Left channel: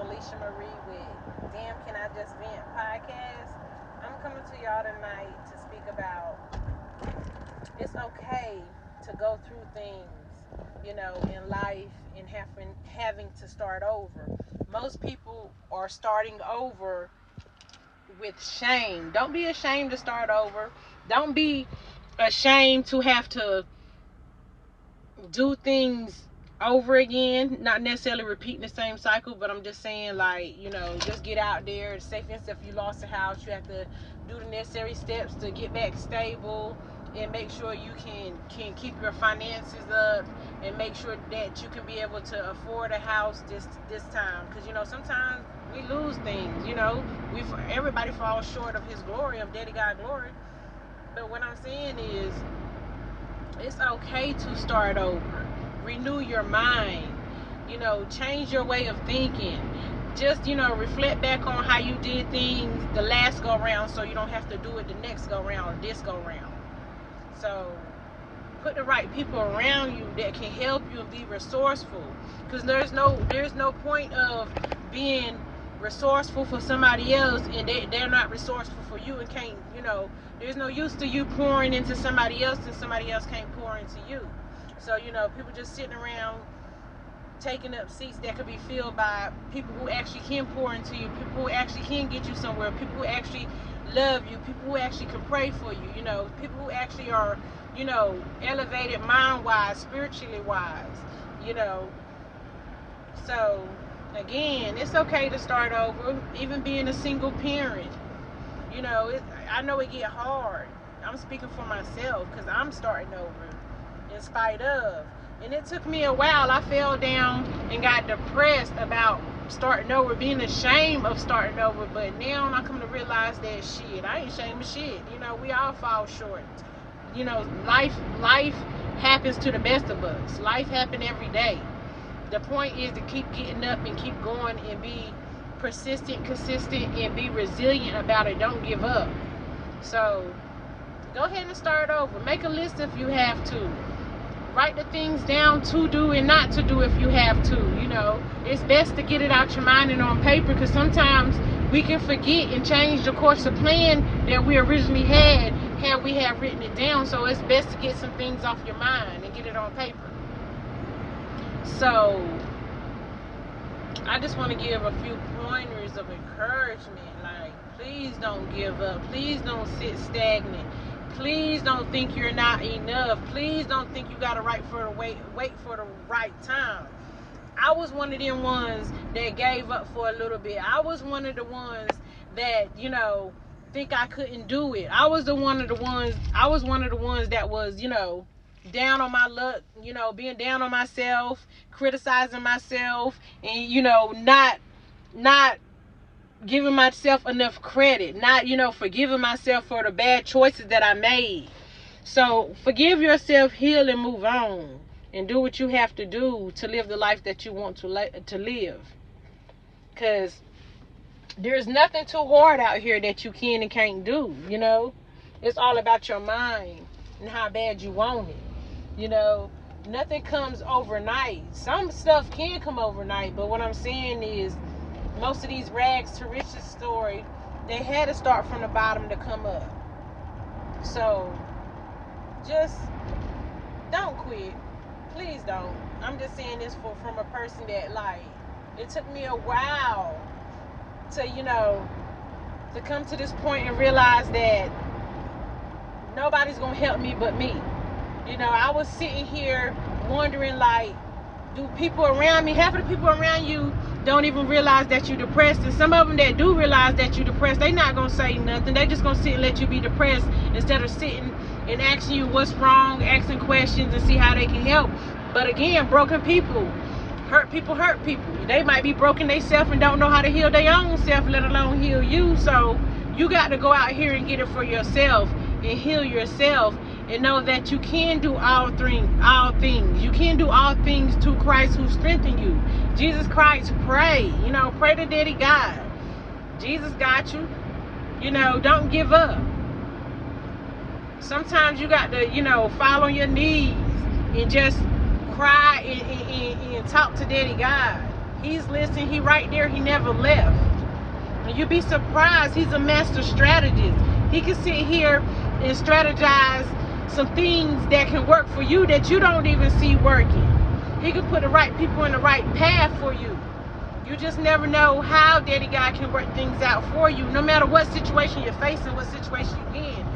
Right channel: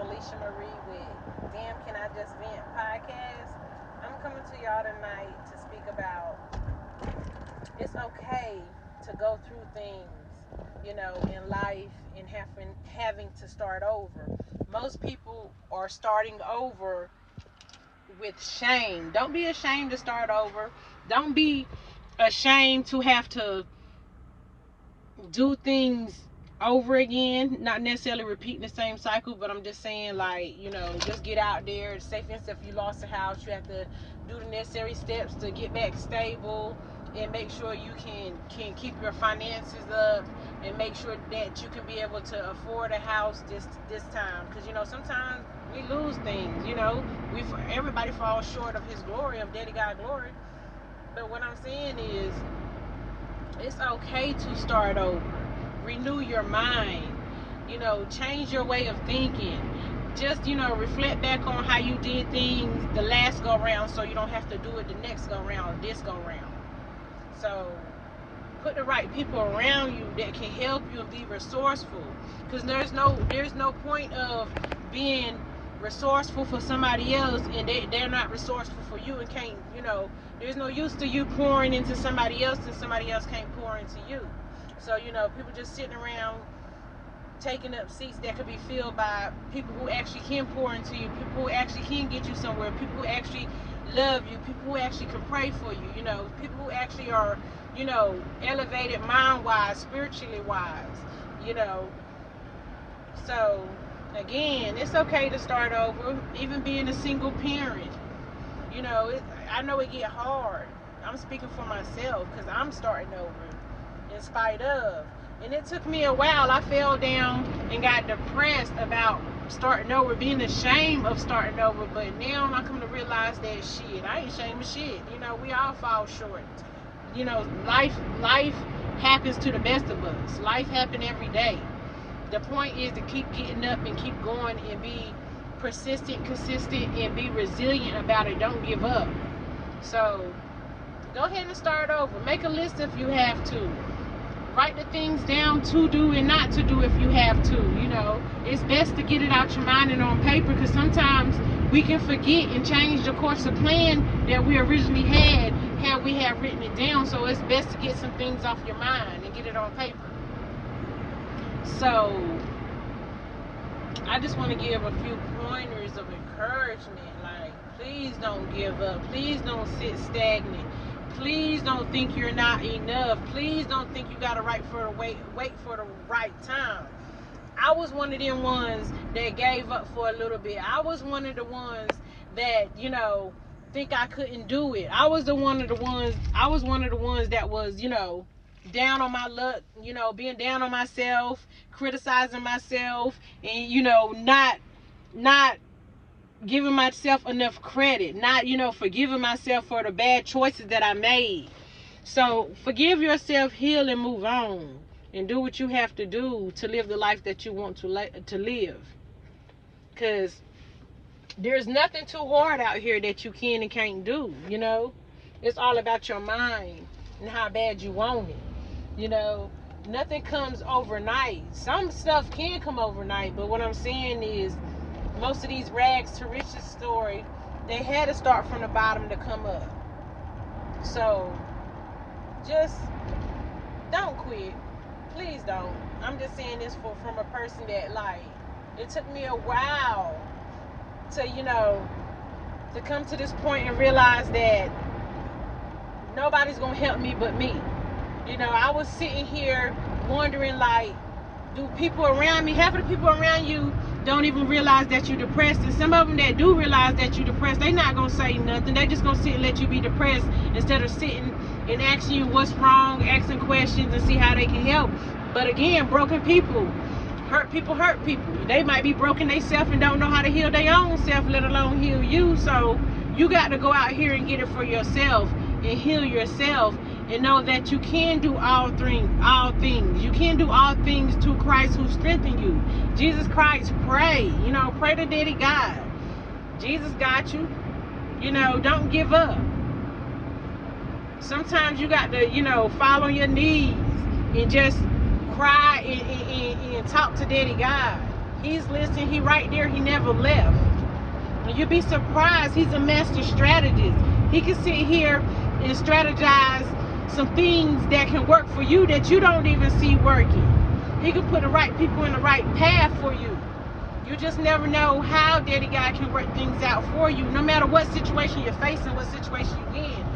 Alicia Marie with Damn Can I Just Vent podcast. I'm coming to y'all tonight to speak about it's okay to go through things, in life and having to start over. Most people are starting over with shame. Don't be ashamed to start over. Don't be ashamed to have to do things over again, not necessarily repeating the same cycle, but I'm just saying, like, just get out there. Say for instance, if you lost a house, you have to do the necessary steps to get back stable and make sure you can keep your finances up and make sure that you can be able to afford a house this time, because sometimes we lose things. Everybody falls short of his glory, of Daddy God glory. But what I'm saying is, it's okay to start over. Renew your mind. Change your way of thinking. Just, reflect back on how you did things the last go round, so you don't have to do it the next go round or this go round. So put the right people around you that can help you and be resourceful. Because there's no point of being resourceful for somebody else and they're not resourceful for you and can't, there's no use to you pouring into somebody else and somebody else can't pour into you. So, people just sitting around taking up seats that could be filled by people who actually can pour into you, people who actually can get you somewhere, people who actually love you, people who actually can pray for you, people who actually are, elevated mind-wise, spiritually wise, So, again, it's okay to start over, even being a single parent. I know it get hard. I'm speaking for myself because I'm starting over in spite of. And it took me a while. I fell down and got depressed about starting over, being ashamed of starting over. But now I come to realize that shit, I ain't ashamed of shit. We all fall short. Life happens to the best of us. Life happens every day. The point is to keep getting up and keep going and be persistent, consistent, and be resilient about it. Don't give up. So go ahead and start over. Make a list if you have to. Write the things down to do and not to do if you have to. It's best to get it out your mind and on paper, because sometimes we can forget and change the course of plan that we originally had we have written it down. So it's best to get some things off your mind and get it on paper. So I just want to give a few pointers of encouragement. Like, please don't give up. Please don't sit stagnant. Please don't think you're not enough. Please don't think you gotta wait for the right time. I was one of them ones that gave up for a little bit. I was one of the ones that, think I couldn't do it. I was one of the ones that was, down on my luck, being down on myself, criticizing myself, and, not giving myself enough credit, not, forgiving myself for the bad choices that I made. So forgive yourself, heal, and move on, and do what you have to do to live the life that you want to live. Because there's nothing too hard out here that you can and can't do. It's all about your mind and how bad you want it. Nothing comes overnight. Some stuff can come overnight, but what I'm saying is, most of these rags to riches story, they had to start from the bottom to come up. So just don't quit. Please don't. I'm just saying this from a person that, like, it took me a while to, to come to this point and realize that nobody's gonna help me but me. I was sitting here wondering, like, do people around me, half of the people around you don't even realize that you're depressed, and some of them that do realize that you're depressed, they not gonna say nothing. They just gonna sit and let you be depressed instead of sitting and asking you what's wrong, asking questions and see how they can help. But again, broken people hurt people. They might be broken themselves and don't know how to heal their own self, let alone heal you. So you got to go out here and get it for yourself and heal yourself, and know that you can do all things. You can do all things through Christ who strengthens you. Jesus Christ, pray. Pray to Daddy God. Jesus got you. Don't give up. Sometimes you got to, fall on your knees and just cry and talk to Daddy God. He's listening. He right there. He never left. And you'll be surprised. He's a master strategist. He can sit here and strategize some things that can work for you that you don't even see working. He can put the right people in the right path for you. You just never know how Daddy God can work things out for you, no matter what situation you're facing, what situation you're in.